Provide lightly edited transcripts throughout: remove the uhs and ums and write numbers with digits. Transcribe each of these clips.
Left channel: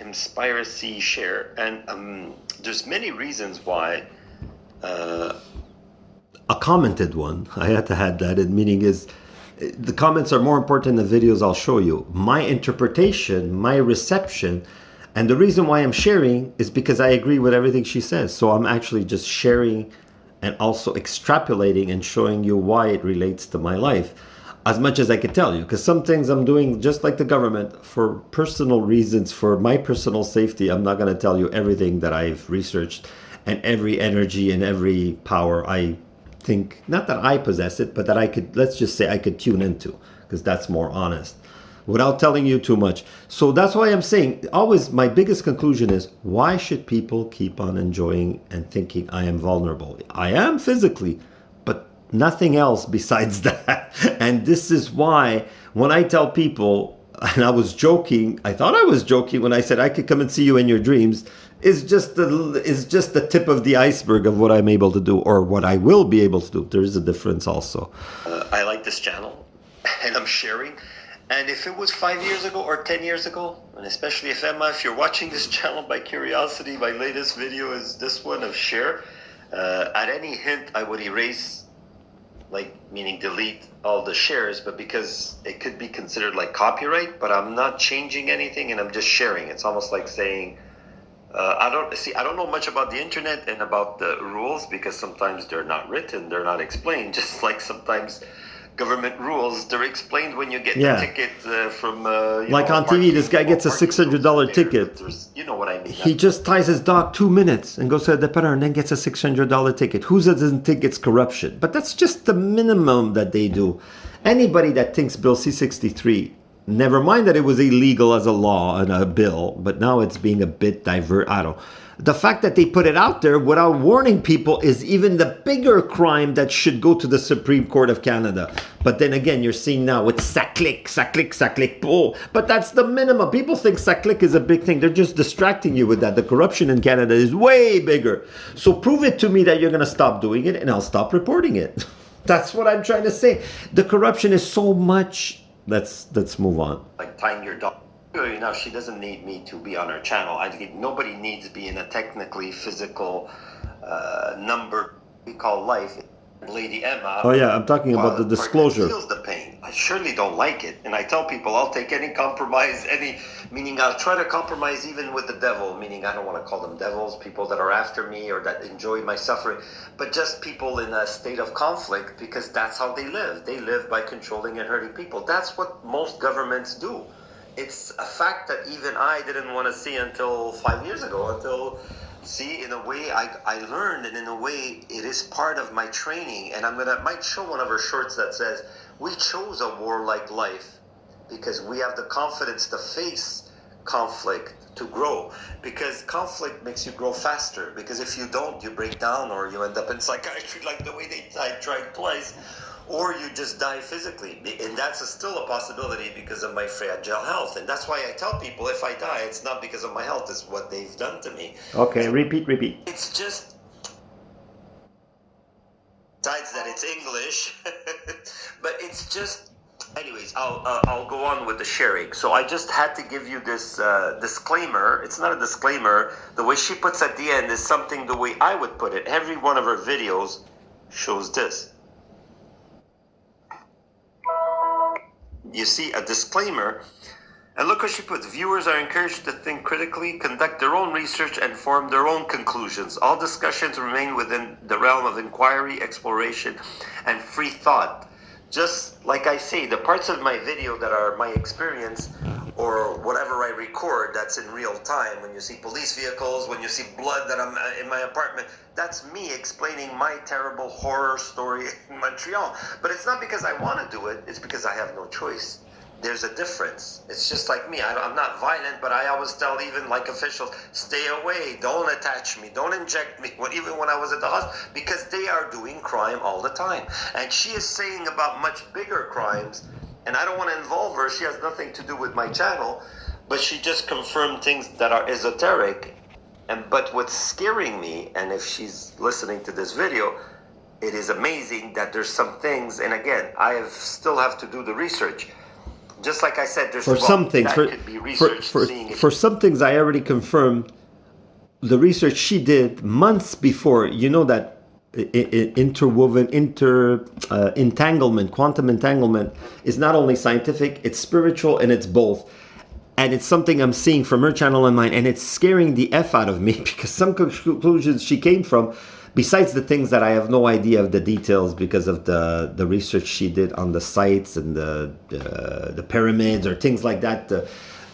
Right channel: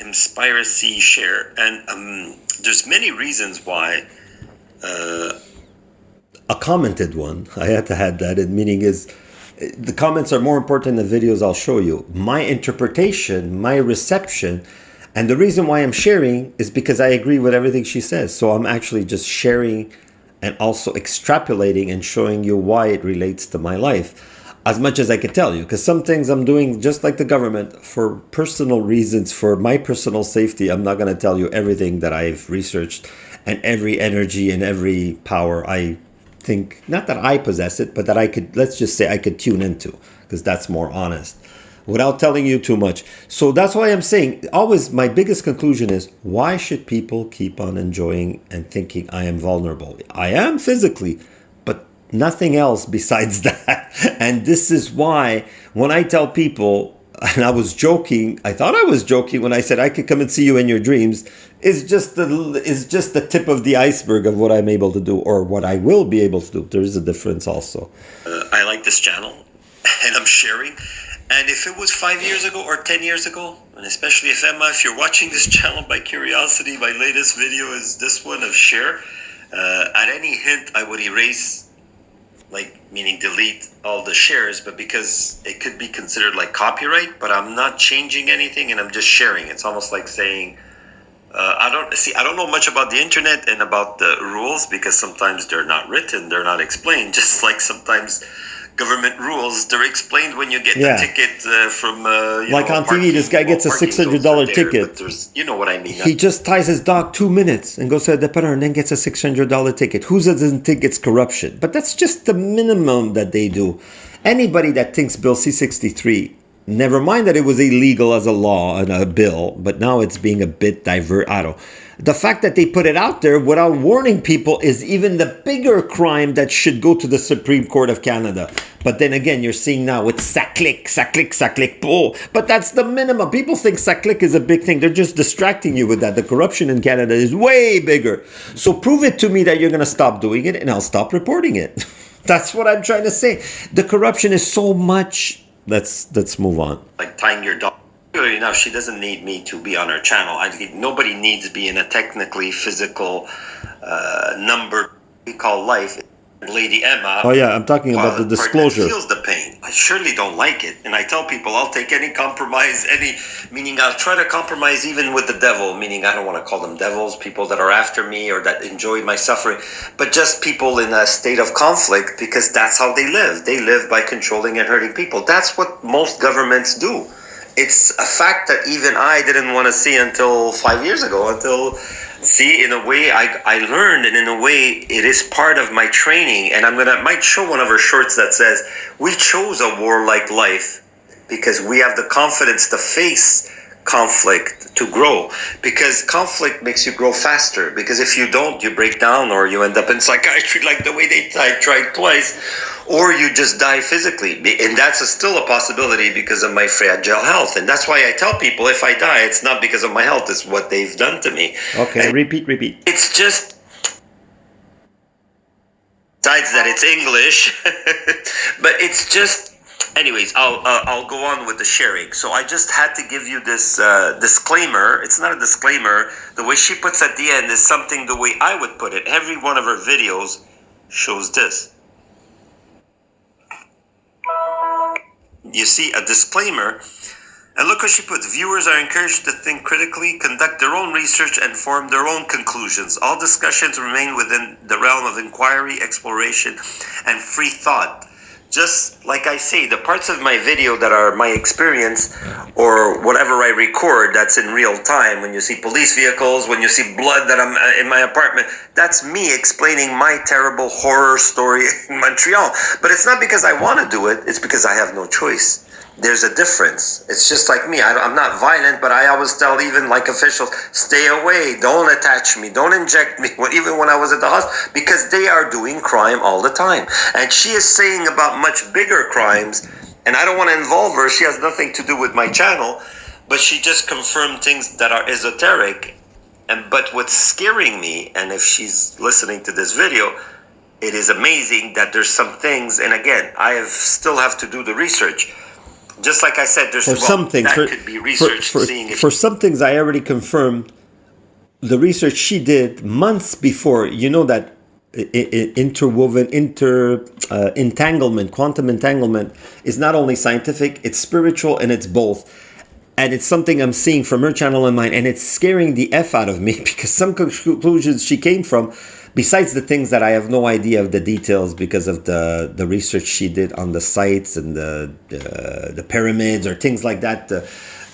Inspiracy share, and there's many reasons why. A commented one, I had to add that, and meaning is the comments are more important than the videos I'll show you. My interpretation, my reception, and the reason why I'm sharing is because I agree with everything she says. So I'm actually just sharing and also extrapolating and showing you why it relates to my life as much as I could tell you, because some things I'm doing just like the government for personal reasons, for my personal safety. I'm not going to tell you everything that I've researched and every energy and every power I think, not that I possess it, but that I could, let's just say I could tune into, because that's more honest, without telling you too much. So that's why I'm saying, always my biggest conclusion is, why should people keep on enjoying and thinking I am vulnerable? I am physically, but nothing else besides that. And this is why when I tell people, and I was joking, I thought I was joking when I said I could come and see you in your dreams, is just the tip of the iceberg of what I'm able to do, or what I will be able to do. There is a difference also. I like this channel, and I'm sharing. And if it was 5 years ago or 10 years ago, and especially if Emma, if you're watching this channel by curiosity, my latest video is this one of share. At any hint, I would erase, like, meaning delete all the shares, but because it could be considered like copyright, but I'm not changing anything and I'm just sharing. It's almost like saying, I don't know much about the internet and about the rules, because sometimes they're not written, they're not explained. Just like sometimes government rules, they're explained when you get the ticket from like on TV, this guy gets a $600 ticket. You know what I mean. He just ties his dog 2 minutes and goes to the depanneur and then gets a $600 ticket. Who doesn't think it's corruption? But that's just the minimum that they do. Anybody that thinks Bill C-63, never mind that it was illegal as a law and a bill, but now it's being a bit the fact that they put it out there without warning people is even the bigger crime that should go to the Supreme Court of Canada. But then again, you're seeing now with ça-clique, oh, but that's the minimum. People think ça-clique is a big thing. They're just distracting you with that. The corruption in Canada is way bigger. So prove it to me that you're going to stop doing it, and I'll stop reporting it. That's what I'm trying to say. The corruption is so much. Let's move on. Like tying your dog. Now, she doesn't need me to be on her channel. Nobody needs to be in a technically physical number we call life. Lady Emma. Oh yeah, I'm talking about the disclosure. Feels the pain. I surely don't like it, and I tell people I'll take any compromise, meaning I'll try to compromise even with the devil. Meaning I don't want to call them devils, people that are after me or that enjoy my suffering, but just people in a state of conflict, because that's how they live. They live by controlling and hurting people. That's what most governments do. It's a fact that even I didn't want to see until 5 years ago, in a way I learned, and in a way it is part of my training. And might show one of her shorts that says, we chose a warlike life because we have the confidence to face conflict, to grow, because conflict makes you grow faster, because if you don't, you break down, or you end up in psychiatry like the way I tried twice, or you just die physically. And that's still a possibility because of my fragile health. And that's why I tell people, if I die, it's not because of my health, it's what they've done to me. Okay, and repeat. It's just, besides that it's English, but it's just, anyways, I'll go on with the sharing. So I just had to give you this disclaimer. It's not a disclaimer. The way she puts at the end is something the way I would put it. Every one of her videos shows this. You see a disclaimer, and look what she puts. Viewers are encouraged to think critically, conduct their own research, and form their own conclusions. All discussions remain within the realm of inquiry, exploration, and free thought. Just like I say, the parts of my video that are my experience, or whatever I record that's in real time, when you see police vehicles, when you see blood that I'm in my apartment, that's me explaining my terrible horror story in Montreal. But it's not because I want to do it, it's because I have no choice. There's a difference. It's just like me. I'm not violent, but I always tell even like officials, stay away, don't attach me, don't inject me, even when I was at the hospital, because they are doing crime all the time. And she is saying about much bigger crimes, and I don't want to involve her. She has nothing to do with my channel, but she just confirmed things that are esoteric. But what's scaring me, and if she's listening to this video, it is amazing that there's some things, and again, still have to do the research. Just like I said, there's For some things, that could be research seeing if for some things, I already confirmed the research she did months before. You know that interwoven entanglement, quantum entanglement, is not only scientific, it's spiritual, and it's both. And it's something I'm seeing from her channel and mine, and it's scaring the F out of me because some conclusions she came from, besides the things that I have no idea of the details because of the research she did on the sites and the pyramids or things like that, the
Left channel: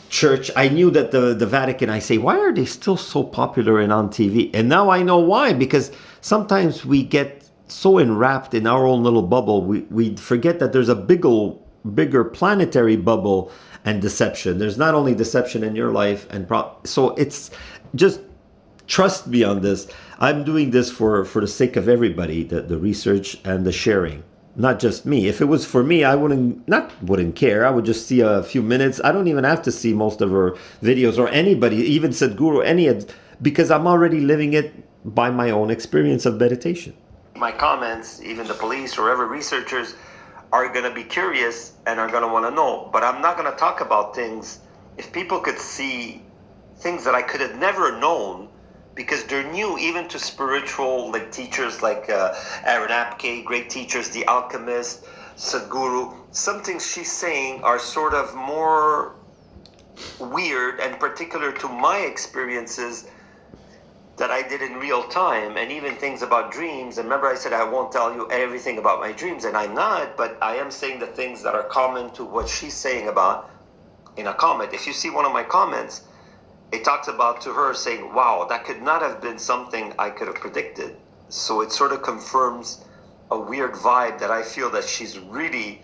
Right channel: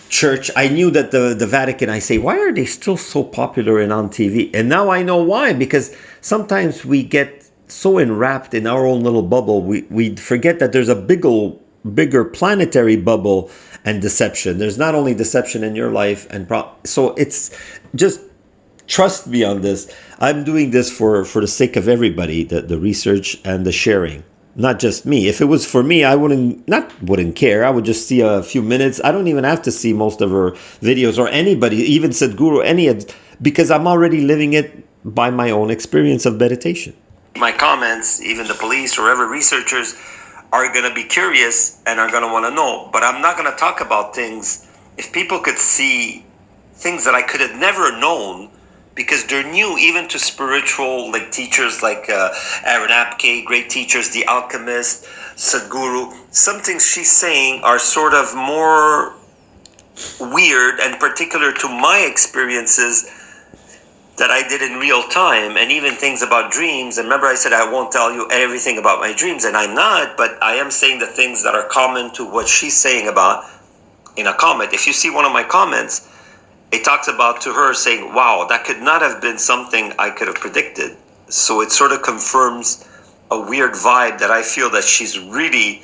church. I knew that the Vatican, I say, why are they still so popular and on TV? And now I know why, because sometimes we get so enwrapped in our own little bubble, we forget that there's a bigger planetary bubble and deception. There's not only deception in your life, and so it's just trust me on this. I'm doing this for the sake of everybody, the research and the sharing, not just me. If it was for me, I wouldn't care. I would just see a few minutes. I don't even have to see most of her videos or anybody, even Sadhguru, because I'm already living it by my own experience of meditation. My comments, even the police or ever researchers, are going to be curious and are going to want to know. But I'm not going to talk about things. If people could see things that I could have never known, because they're new even to spiritual teachers like Aaron Apke, great teachers, The Alchemist, Sadhguru. Some things she's saying are sort of more weird and particular to my experiences that I did in real time, and even things about dreams. And remember I said I won't tell you everything about my dreams, and I'm not, but I am saying the things that are common to what she's saying about in a comment. If you see one of my comments, it talks about to her saying, wow, that could not have been something I could have predicted. So it sort of confirms a weird vibe that I feel that she's really,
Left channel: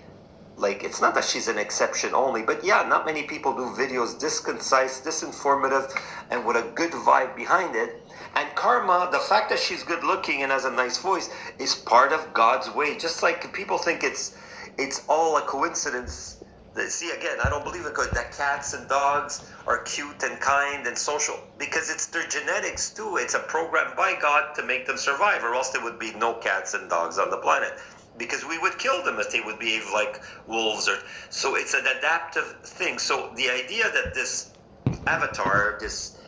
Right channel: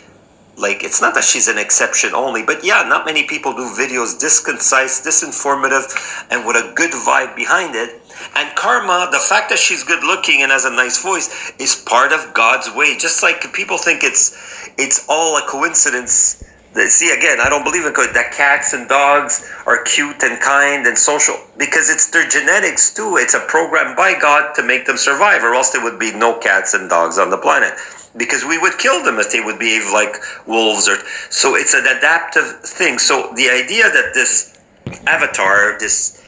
it's not that she's an exception only, but yeah, not many people do videos this concise, this informative, and with a good vibe behind it. And karma, the fact that she's good looking and has a nice voice, is part of God's way. Just like people think it's all a coincidence. See, again, I don't believe in that cats and dogs are cute and kind and social, because it's their genetics too. It's a program by God to make them survive, or else there would be no cats and dogs on the planet, because we would kill them if they would behave like wolves. So it's an adaptive thing. So the idea that this avatar, this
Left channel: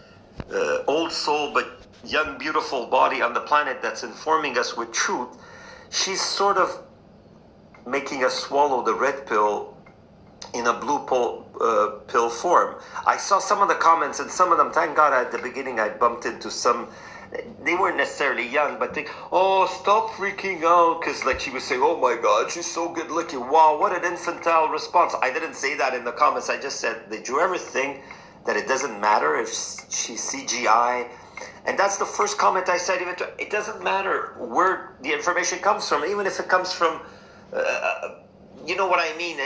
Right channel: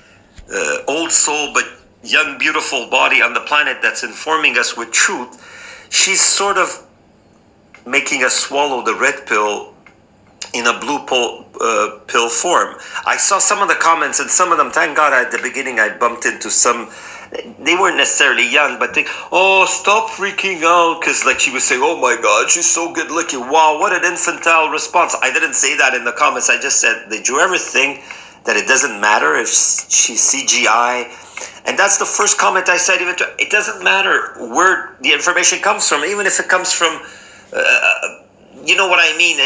old soul but young beautiful body on the planet that's informing us with truth, she's sort of making us swallow the red pill in a blue pill form. I saw some of the comments, and some of them, thank God, at the beginning I bumped into some. They weren't necessarily young, but stop freaking out, because she was saying, oh my God, she's so good looking. Wow, what an infantile response. I didn't say that in the comments. I just said, did you ever think that it doesn't matter if she's CGI? And that's the first comment I said. Even it doesn't matter where the information comes from, even if it comes from you know what I mean,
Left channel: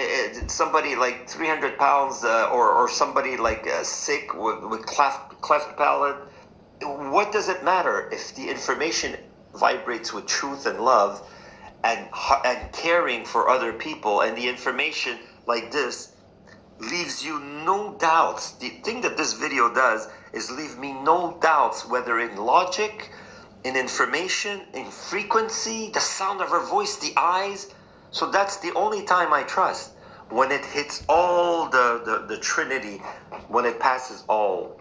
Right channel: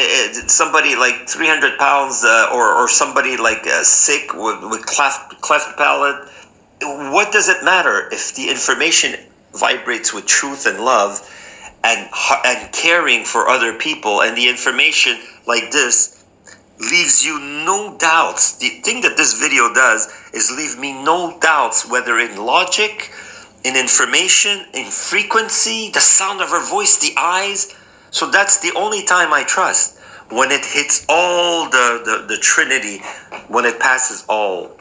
somebody 300 pounds or somebody sick with cleft palate. What does it matter if the information vibrates with truth and love and caring for other people, and the information like this leaves you no doubts? The thing that this video does is leave me no doubts, whether in logic, in information, in frequency, the sound of her voice, the eyes. So that's the only time I trust, when it hits all the Trinity, when it passes all,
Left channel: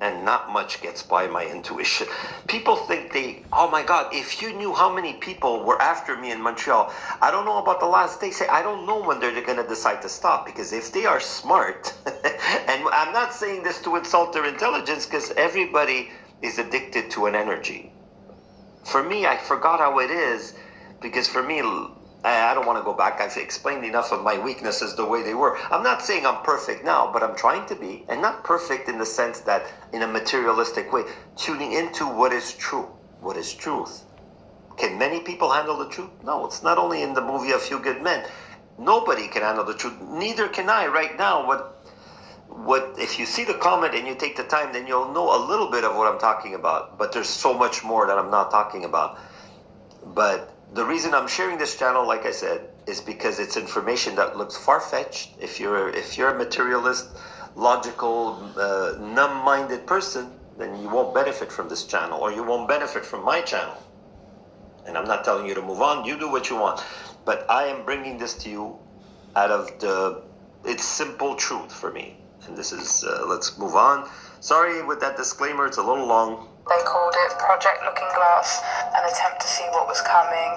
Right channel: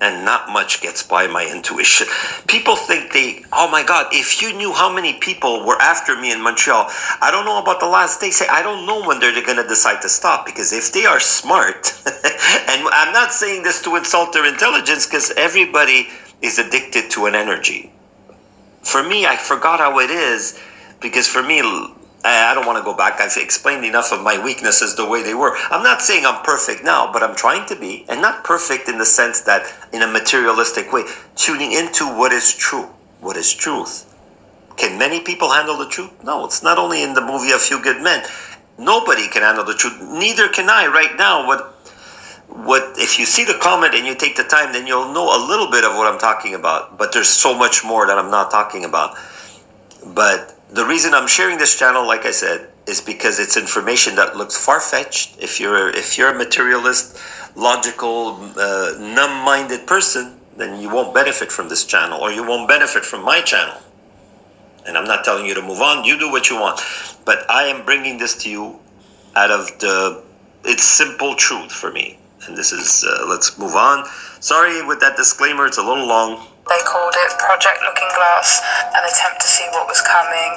and not much gets by my intuition. People think oh my God, if you knew how many people were after me in Montreal. I don't know about the last day. I don't know when they're going to decide to stop, because if they are smart, and I'm not saying this to insult their intelligence, because everybody is addicted to an energy. For me, I forgot how it is, because for me, I don't want to go back. I've explained enough of my weaknesses the way they were. I'm not saying I'm perfect now, but I'm trying to be, and not perfect in the sense that in a materialistic way, tuning into what is true, what is truth. Can many people handle the truth? No, it's not only in the movie A Few Good Men. Nobody can handle the truth. Neither can I right now. What if you see the comment and you take the time, then you'll know a little bit of what I'm talking about. But there's so much more that I'm not talking about. But the reason I'm sharing this channel, like I said, is because it's information that looks far-fetched. If you're a materialist, logical, numb-minded person, then you won't benefit from this channel, or you won't benefit from my channel. And I'm not telling you to move on. You do what you want. But I am bringing this to you out of the It's simple truth for me. And this is, let's move on. Sorry with that disclaimer, it's a little long. They called it Project Looking Glass, an attempt to see what was coming.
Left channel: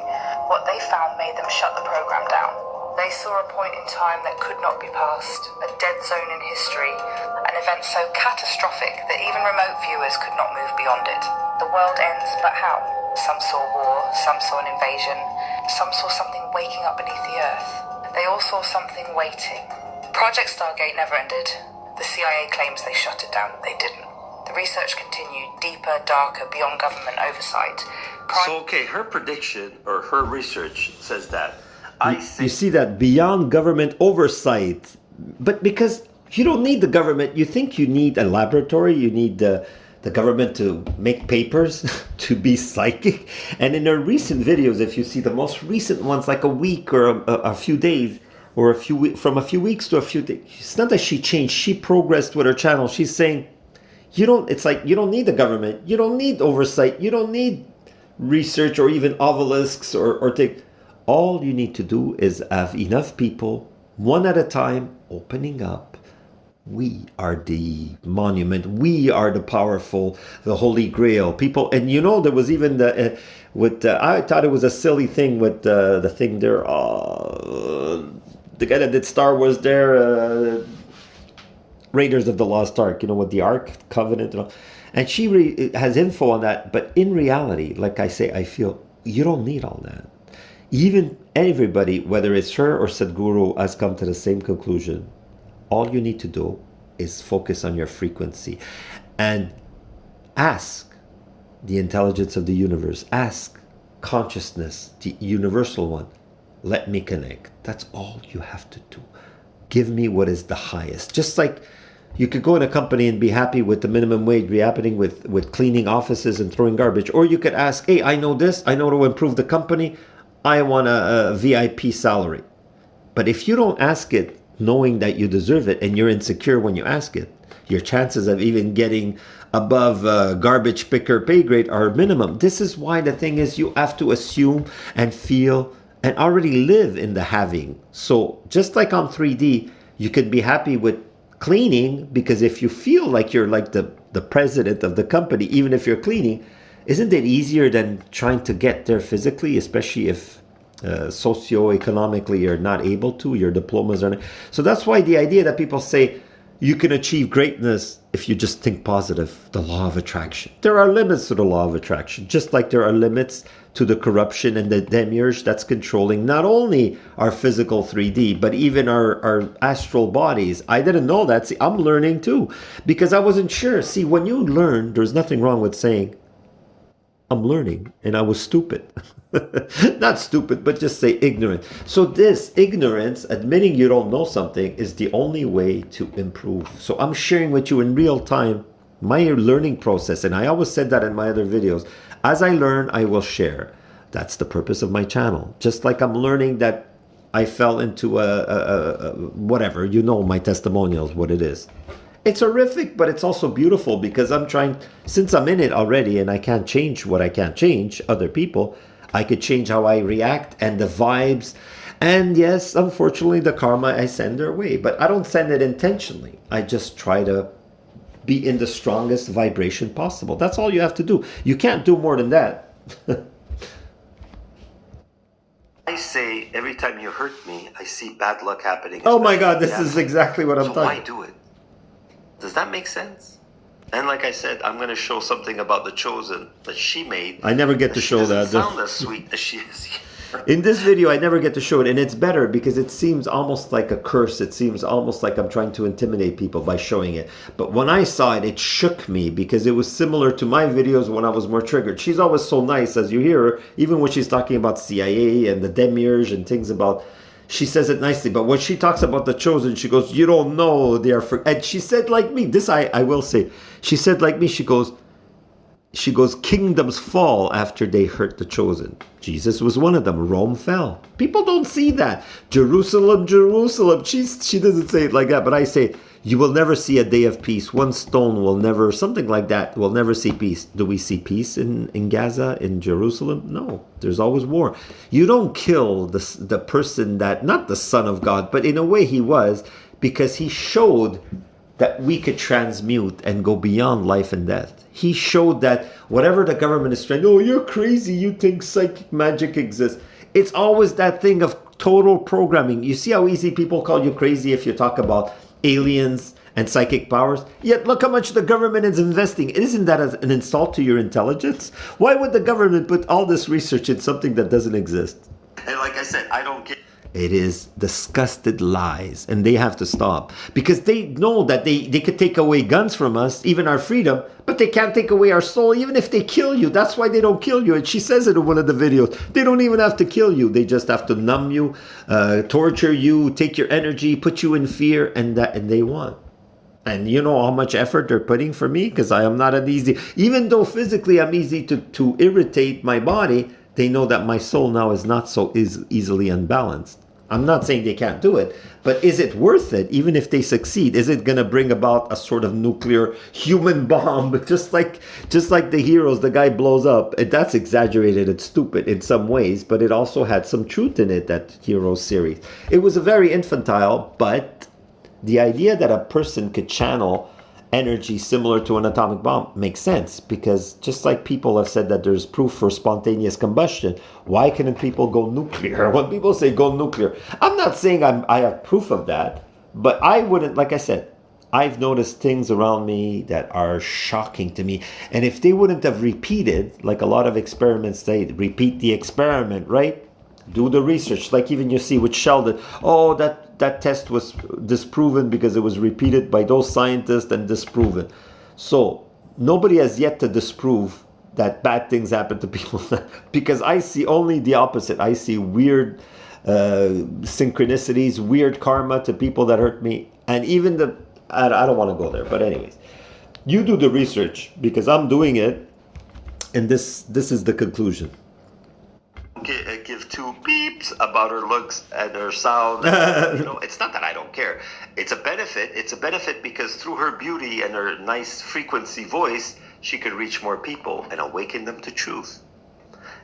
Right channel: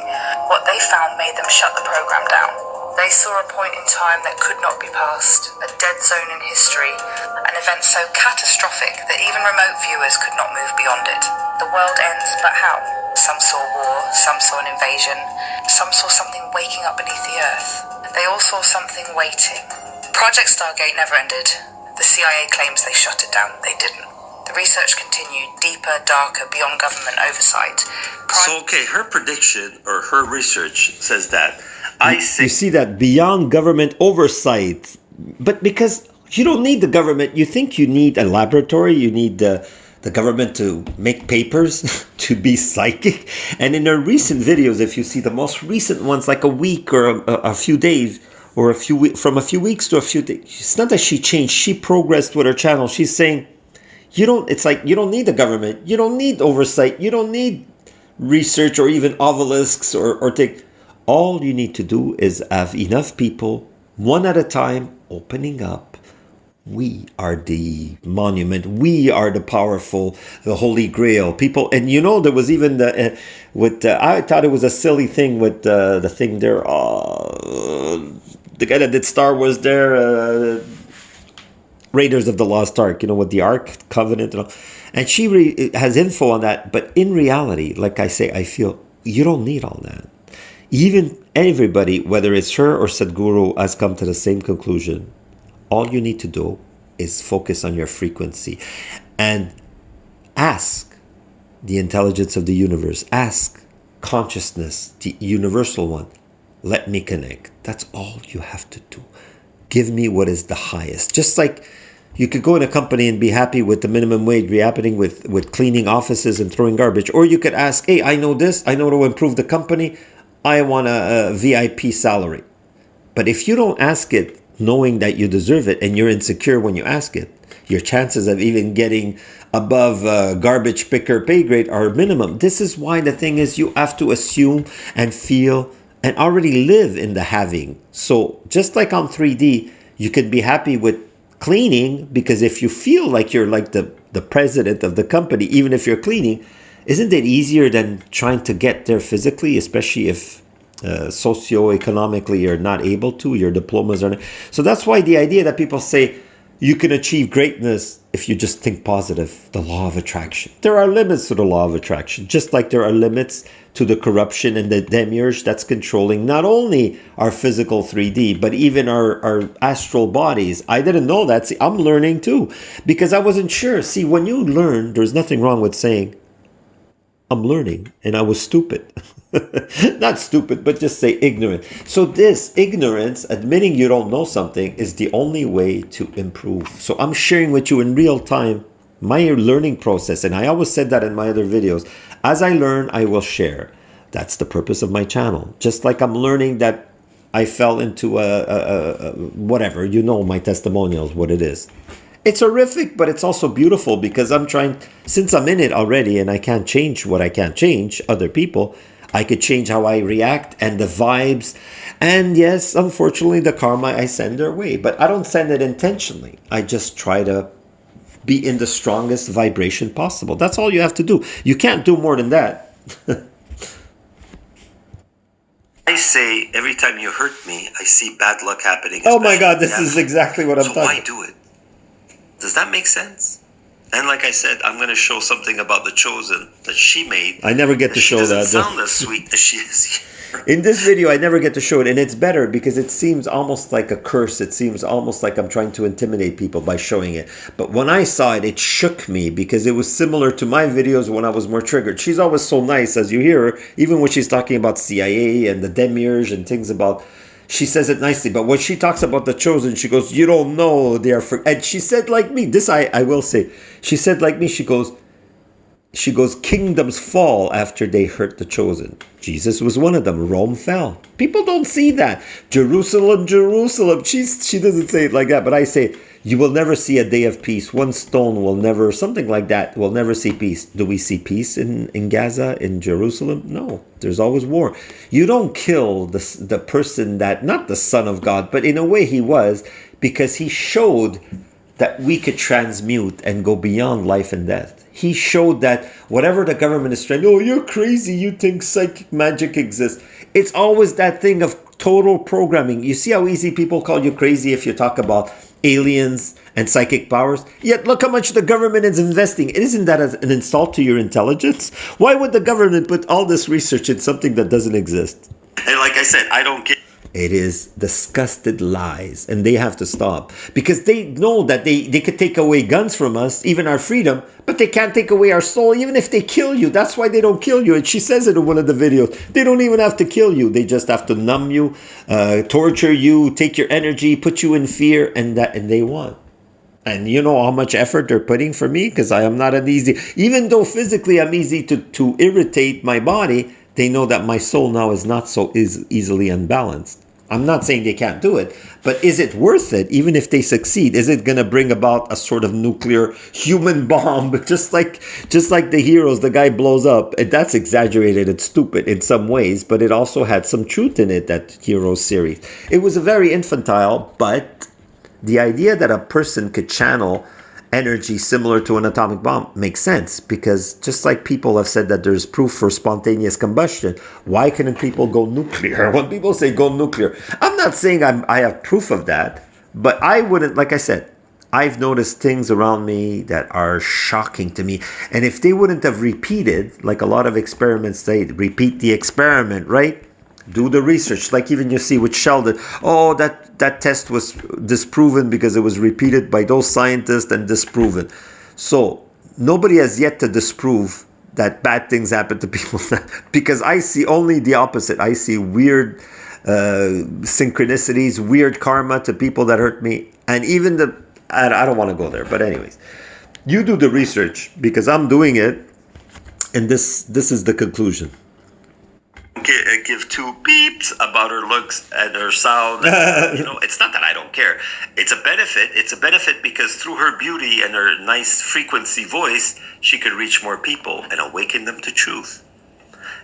What they found made them shut the program down. They saw a point in time that could not be passed, a dead zone in history, an event so catastrophic that even remote viewers could not move beyond it. The world ends, but how? Some saw war, some saw an invasion, some saw something waking up beneath the earth. They all saw something waiting. Project Stargate never ended. The CIA claims they shut it down. They didn't. The research continued, deeper, darker, beyond government oversight. So, okay, her prediction or her research says that. You see that beyond government oversight, but because you don't need the government, you think you need a laboratory, you need the government to make papers, to be psychic. And in her recent videos, if you see the most recent ones, like a week or a few days, or from a few weeks to a few days, it's not that she changed, she progressed with her channel. She's saying, it's like you don't need the government, you don't need oversight, you don't need research or even obelisks or take. All you need to do is have enough people, one at a time, opening up. We are the monument. We are the powerful, the Holy Grail. People, and there was even I thought it was a silly thing with the thing there. The guy that did Star Wars there, Raiders of the Lost Ark, with the Ark Covenant and all. And she has info on that. But in reality, like I say, I feel you don't need all that. Even everybody, whether it's her or Sadhguru, has come to the same conclusion. All you need to do is focus on your frequency and ask the intelligence of the universe. Ask consciousness, the universal one. Let me connect. That's all you have to do. Give me what is the highest. Just like you could go in a company and be happy with the minimum wage, be happy with cleaning offices and throwing garbage. Or you could ask, hey, I know this. I know to improve the company. I want a VIP salary. But if you don't ask it knowing that you deserve it and you're insecure when you ask it, your chances of even getting above garbage picker pay grade are minimum. This is why the thing is you have to assume and feel and already live in the having. So just like on 3D, you could be happy with cleaning because if you feel like you're like the president of the company, even if you're cleaning, isn't it easier than trying to get there physically, especially if socioeconomically you're not able to, your diplomas are not. So that's why the idea that people say you can achieve greatness if you just think positive, the law of attraction. There are limits to the law of attraction, just like there are limits to the corruption and the demiurge that's controlling not only our physical 3D, but even our astral bodies. I didn't know that. See, I'm learning too, because I wasn't sure. See, when you learn, there's nothing wrong with saying, I'm learning, and I was stupid. Not stupid, but just say ignorant. So this ignorance, admitting you don't know something, is the only way to improve. So I'm sharing with you in real time my learning process, and I always said that in my other videos. As I learn, I will share. That's the purpose of my channel. Just like I'm learning that I fell into whatever, my testimonials, what it is. It's horrific, but it's also beautiful because since I'm in it already and I can't change what I can't change, other people, I could change how I react and the vibes. And yes, unfortunately, the karma I send their way, but I don't send it intentionally. I just try to be in the strongest vibration possible. That's all you have to do. You can't do more than that. I say every time you hurt me, I see bad luck happening. Oh my God, this is exactly what I'm talking about. So why do it? Does that make sense? And like I said, I'm going to show something about the Chosen that she made. I never get to show that. She doesn't sound as sweet as she is here. In this video, I never get to show it. And it's better because it seems almost like a curse. It seems almost like I'm trying to intimidate people by showing it. But when I saw it, it shook me because it was similar to my videos when I was more triggered. She's always so nice, as you hear her, even when she's talking about CIA and the demiurge and things about... She says it nicely, but when she talks about the Chosen, she goes, you don't know they are... And she said like me, this I will say. She said like me, she goes, She goes, kingdoms fall after they hurt the chosen. Jesus was one of them. Rome fell. People don't see that. Jerusalem, Jerusalem. She doesn't say it like that, but I say, you will never see a day of peace. One stone will never, something like that, will never see peace. Do we see peace in Gaza, in Jerusalem? No, there's always war. You don't kill the person that, not the Son of God, but in a way he was, because he showed that we could transmute and go beyond life and death. He showed that whatever the government is trying, oh, you're crazy, you think psychic magic exists. It's always that thing of total programming. You see how easy people call you crazy if you talk about aliens and psychic powers? Yet look how much the government is investing. Isn't that an insult to your intelligence? Why would the government put all this research in something that doesn't exist? And like I said, I don't care. It is disgusted lies, and they have to stop, because they know that they could take away guns from us, even our freedom, but they can't take away our soul, even if they kill you. That's why they don't kill you. And she says it in one of the videos. They don't even have to kill you. They just have to numb you, torture you, take your energy, put you in fear, and they want. And you know how much effort they're putting for me, because I am not an easy, even though physically I'm easy to irritate my body, they know that my soul now is not so easily unbalanced. I'm not saying they can't do it, but is it worth it? Even if they succeed, is it going to bring about a sort of nuclear human bomb? Just like the heroes, the guy blows up. And that's exaggerated. It's stupid in some ways, but it also had some truth in it, that Heroes series. It was a very infantile, but the idea that a person could channel energy similar to an atomic bomb makes sense, because just like people have said that there's proof for spontaneous combustion, why couldn't people go nuclear? When people say go nuclear, I'm not saying I have proof of that, but I wouldn't, like I said, I've noticed things around me that are shocking to me. And if they wouldn't have repeated, like a lot of experiments say, repeat the experiment, right? Do the research, like even you see with Sheldon. Oh, that test was disproven because it was repeated by those scientists and disproven. So nobody has yet to disprove that bad things happen to people, because I see only the opposite. I see weird synchronicities, weird karma to people that hurt me, and even I don't want to go there, but anyways, you do the research, because I'm doing it, and this is the conclusion. Give two beeps about her looks and her sound. It's not that I don't care. It's a benefit. It's a benefit because through her beauty and her nice frequency voice, she could reach more people and awaken them to truth.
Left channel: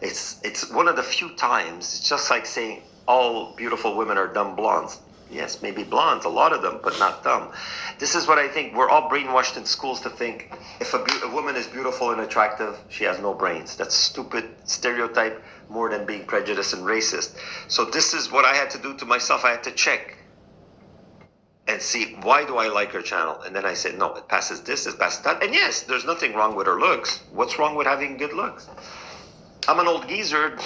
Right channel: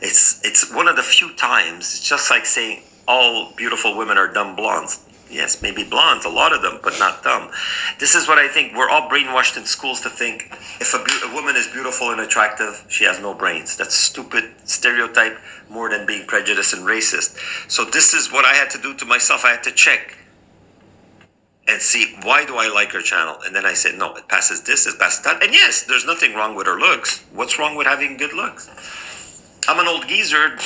It's one of the few times. It's just like saying all beautiful women are dumb blondes. Yes, maybe blondes, a lot of them, but not dumb. This is what I think. We're all brainwashed in schools to think if a woman is beautiful and attractive, she has no brains. That's stupid stereotype, more than being prejudiced and racist. So this is what I had to do to myself. I had to check and see, why do I like her channel? And then I said, no, it passes this, it passes that. And yes, there's nothing wrong with her looks. What's wrong with having good looks? I'm an old geezer.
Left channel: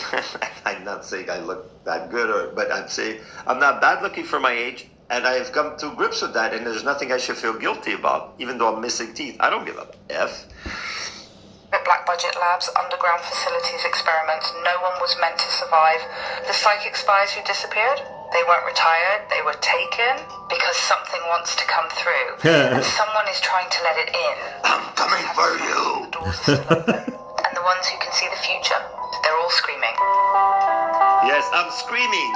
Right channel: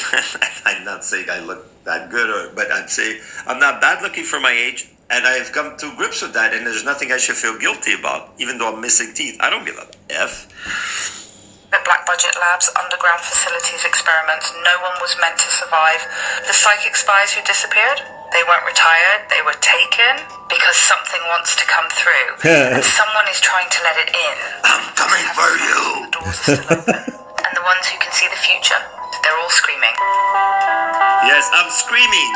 I'm not saying I look that good, but I'm saying I'm not bad looking for my age, and I've come to grips with that, and there's nothing I should feel guilty about, even though I'm missing teeth. I don't give a F. At Black Budget Labs, underground facilities experiments, no one was meant to survive. The psychic spies who disappeared, they weren't retired, they were taken because something wants to come through, and someone is trying to let it in. I'm coming for you. The doors are still open. And the ones who can see the future, they're all screaming. Yes, I'm screaming.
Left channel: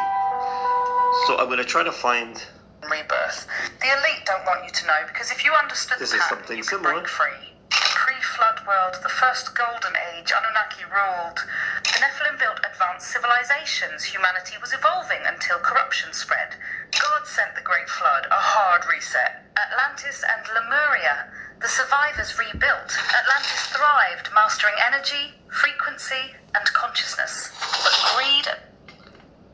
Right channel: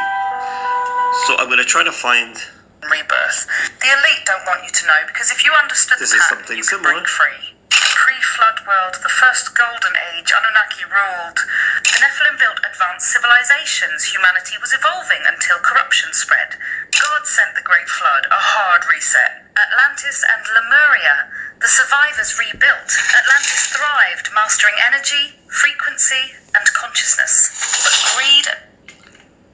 So I'm going to try to find Rebirth. The elite don't want you to know, because if you understood This the is pattern, something you could similar. break free. Pre-flood world, the first golden age, Anunnaki ruled. The Nephilim built advanced civilizations. Humanity was evolving until corruption spread. God sent the Great Flood, a hard reset. Atlantis and Lemuria. The survivors rebuilt. Atlantis thrived, mastering energy, frequency, and consciousness. But greed.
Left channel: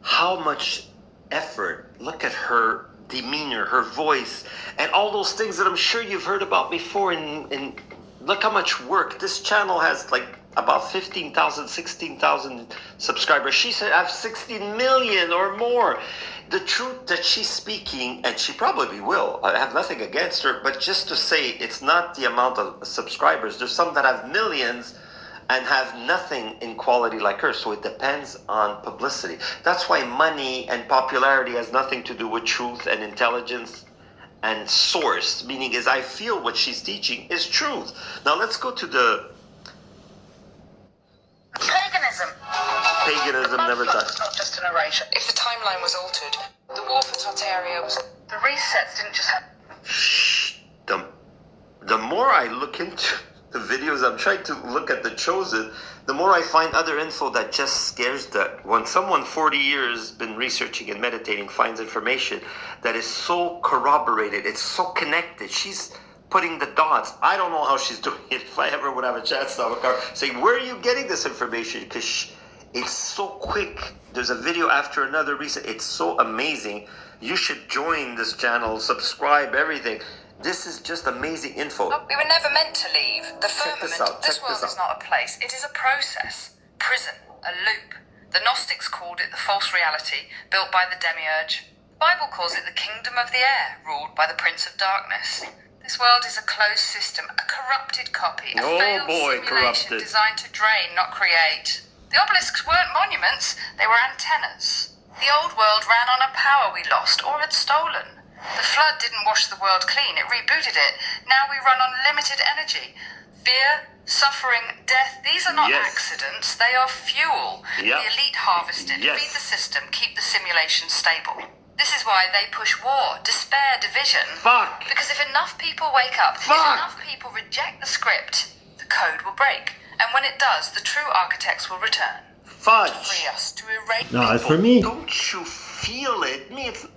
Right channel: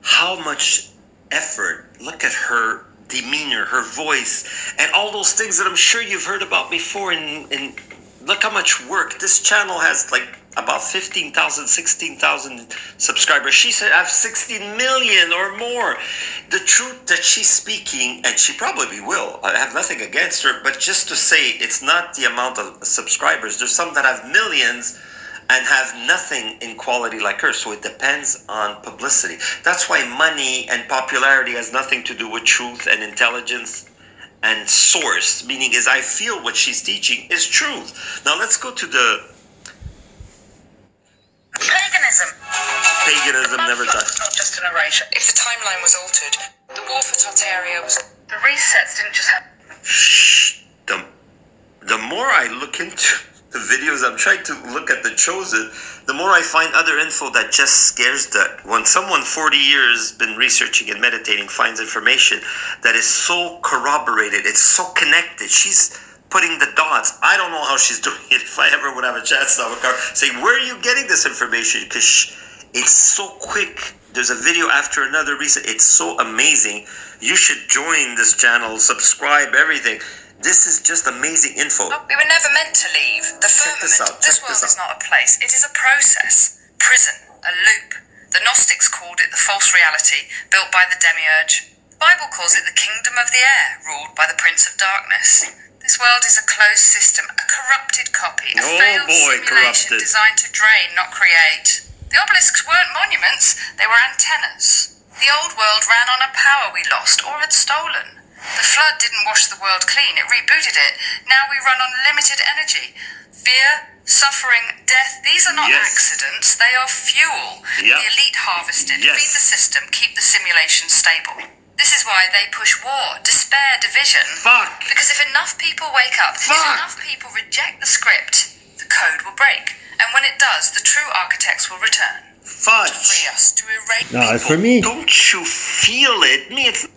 how much effort. Look at her demeanor, her voice, and all those things that I'm sure you've heard about before. And look how much work. This channel has like about 15,000, 16,000 subscribers. She said I have 16 million or more. The truth that she's speaking, and she probably will, I have nothing against her, but just to say it's not the amount of subscribers. There's some that have millions and have nothing in quality like her. So it depends on publicity. That's why money and popularity has nothing to do with truth and intelligence and source. Meaning is I feel what she's teaching is truth. Now let's go to paganism never touched. It's not just an erasure. If the timeline was altered, the war for Tartaria was... The resets didn't just happen. The more I look into the videos, I'm trying to look at the chosen, the more I find other info that just scares that. When someone 40 years been researching and meditating finds information that is so corroborated, it's so connected, she's putting the dots. I don't know how she's doing it. If I ever would have a chance to have a car, say, where are you getting this information? Because it's so quick. There's a video after another reason. It's so amazing. You should join this channel, subscribe, everything. This is just amazing info. We were never meant to leave. The firmament, this world is not a place. It is a process. Prison, a loop. The Gnostics called it the false reality, built by the demiurge. The Bible calls it the kingdom of the air, ruled by the prince of darkness. This world is a closed system, a corrupted copy, a failed simulation designed to drain, not create. The obelisks weren't monuments, they were antennas. The old world ran on a power we lost or had stolen. The flood didn't wash the world clean, it rebooted it. Now we run on limited energy. Fear, suffering, death, these are not accidents, they are fuel. The elite harvest it, feed the system, keep the simulation stable. This is why they push war, despair, division. Because if enough people wake up, if enough people reject the script, the code will break. And when it does, the true architects will return. To free us, to erase No, for me, don't you feel it?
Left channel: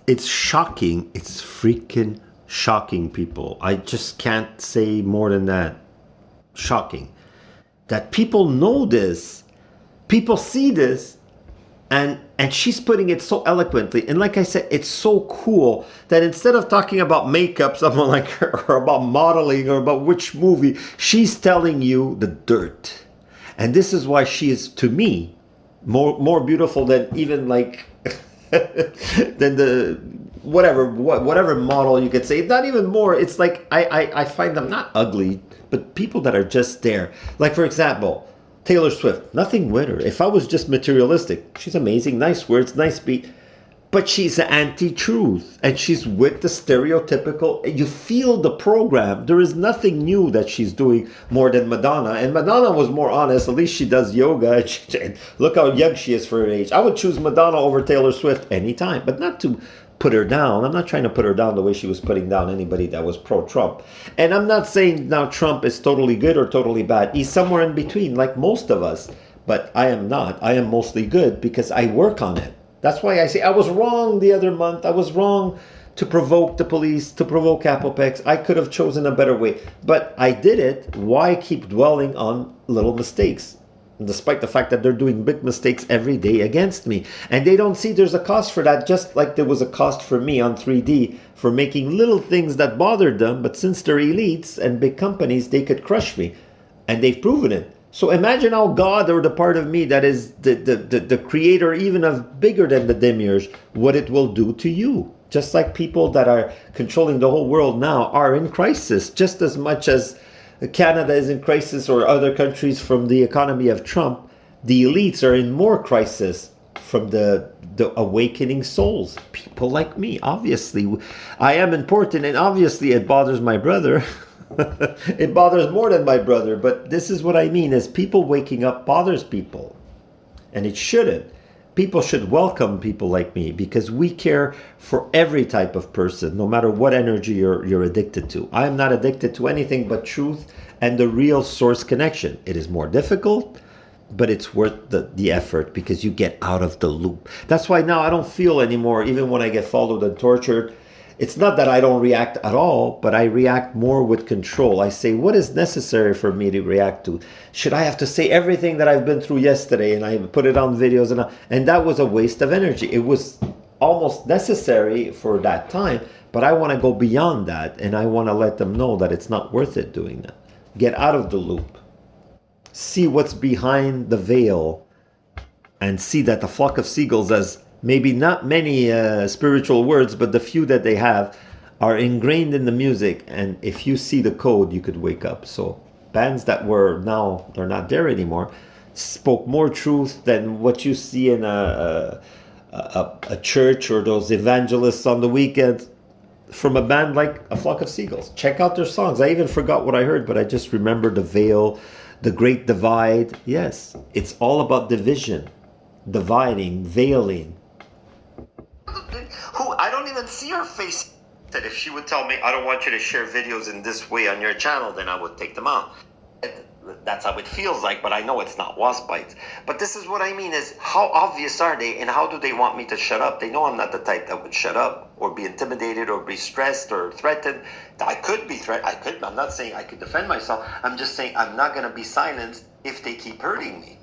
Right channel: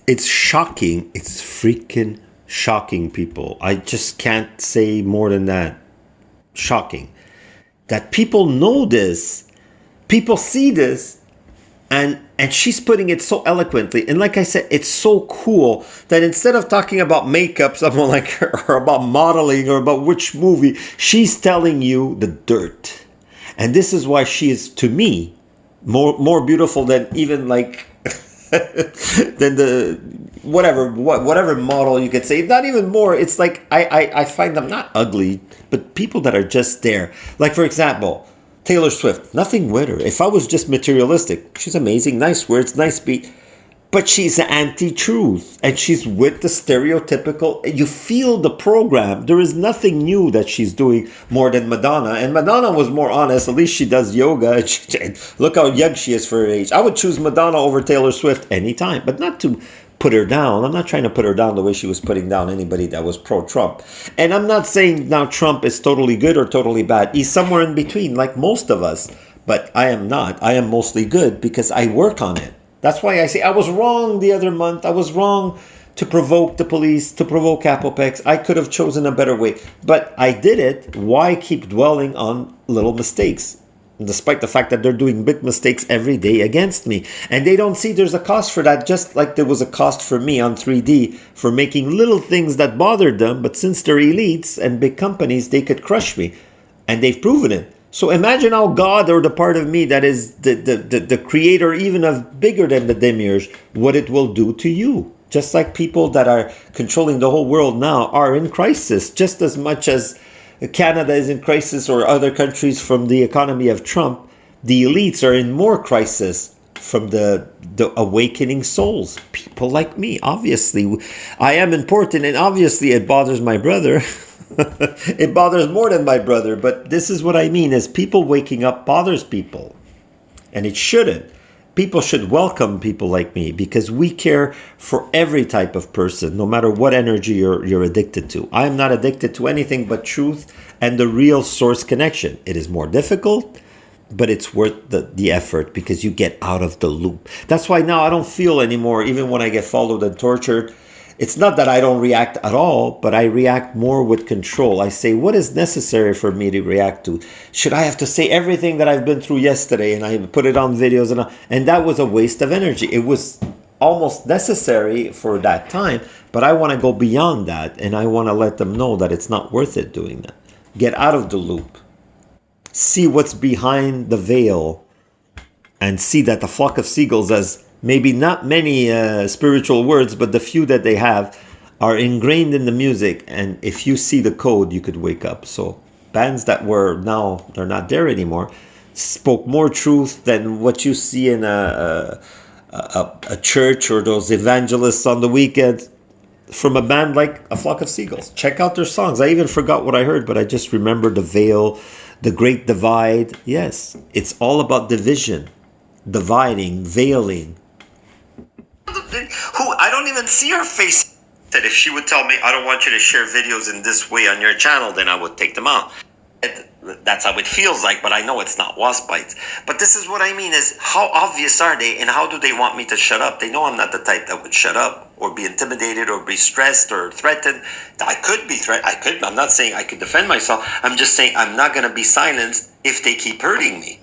it's shocking. It's freaking shocking, people. I just can't say more than that. Shocking. That people know this, people see this, and she's putting it so eloquently. And like I said, it's so cool that instead of talking about makeup, someone like or about modeling or about which movie, she's telling you the dirt. And this is why she is, to me, more beautiful than even like than the whatever model you could say. Not even more. It's like I find them not ugly, but people that are just there. Like, for example, Taylor Swift. Nothing with her. If I was just materialistic, she's amazing, nice words, nice beat. But she's anti-truth, and she's with the stereotypical. You feel the program. There is nothing new that she's doing more than Madonna. And Madonna was more honest. At least she does yoga. And look how young she is for her age. I would choose Madonna over Taylor Swift anytime, but not to put her down. I'm not trying to put her down the way she was putting down anybody that was pro-Trump. And I'm not saying now Trump is totally good or totally bad. He's somewhere in between, like most of us. But I am not. I am mostly good because I work on it. That's why I say I was wrong the other month. I was wrong to provoke the police, to provoke Apopex. I could have chosen a better way. But I did it. Why keep dwelling on little mistakes? Despite the fact that they're doing big mistakes every day against me. And they don't see there's a cost for that, just like there was a cost for me on 3D for making little things that bothered them. But since they're elites and big companies, they could crush me. And they've proven it. So imagine how God, or the part of me that is the creator even of bigger than the demiurge, what it will do to you. Just like people that are controlling the whole world now are in crisis, just as much as Canada is in crisis or other countries from the economy of Trump. The elites are in more crisis from the awakening souls. People like me, obviously. I am important, and obviously it bothers my brother. It bothers more than my brother, but this is what I mean, is people waking up bothers people. And it shouldn't. People should welcome people like me because we care for every type of person, no matter what energy you're addicted to. I am not addicted to anything but truth and the real source connection. It is more difficult, but it's worth the effort because you get out of the loop. That's why now I don't feel anymore, even when I get followed and tortured. It's not that I don't react at all, but I react more with control. I say, what is necessary for me to react to? Should I have to say everything that I've been through yesterday? And I put it on videos, and that was a waste of energy. It was almost necessary for that time, but I want to go beyond that, and I want to let them know that it's not worth it doing that. Get out of the loop. See what's behind the veil, and see that the flock of seagulls, as maybe not many spiritual words, but the few that they have are ingrained in the music. And if you see the code, you could wake up. So bands that were now, they're not there anymore, spoke more truth than what you see in a church or those evangelists on the weekend from a band like A Flock of Seagulls. Check out their songs. I even forgot what I heard, but I just remember The Veil, The Great Divide. Yes, it's all about division. dividing, veiling. Who I don't even see her face. That if she would tell me, I don't want you to share videos in this way on your channel, then I would take them out. That's how it feels like, but I know it's not wasp bites. But this is what I mean is, how obvious are they, and how do they want me to shut up? They know I'm not the type that would shut up or be intimidated or be stressed or threatened. I could be threatened. I'm not saying I could defend myself. I'm just saying I'm not going to be silenced if they keep hurting me.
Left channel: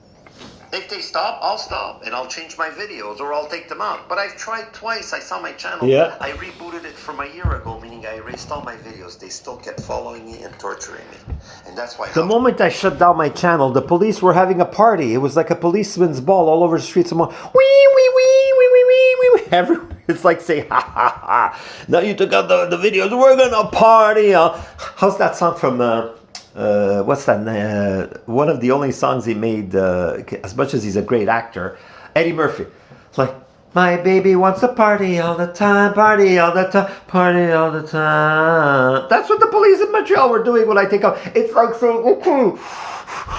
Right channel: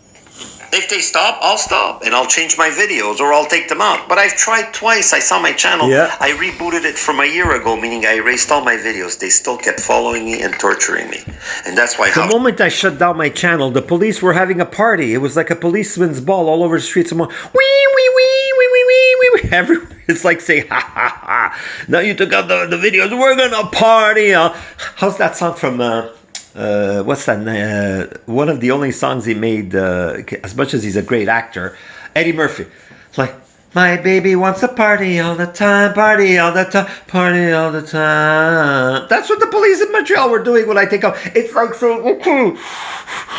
If they stop, I'll stop and I'll change my videos or I'll take them out. But I've tried twice. I saw my channel. Yeah. I rebooted it from a year ago, meaning I erased all my videos. They still kept following me and torturing me. And that's why... The moment I shut down my channel, the police were having a party. It was like a policeman's ball all over the streets. Someone, wee, wee, wee, wee, wee, wee, wee. Everywhere. It's like saying, ha, ha, ha. Now you took out the videos. We're going to party. How's that song from... what's that? One of the only songs he made, as much as he's a great actor, Eddie Murphy. Like, my baby wants to party all the time, party all the time, party all the time. That's what the police in Montreal were doing when I take out. It's like saying, okay,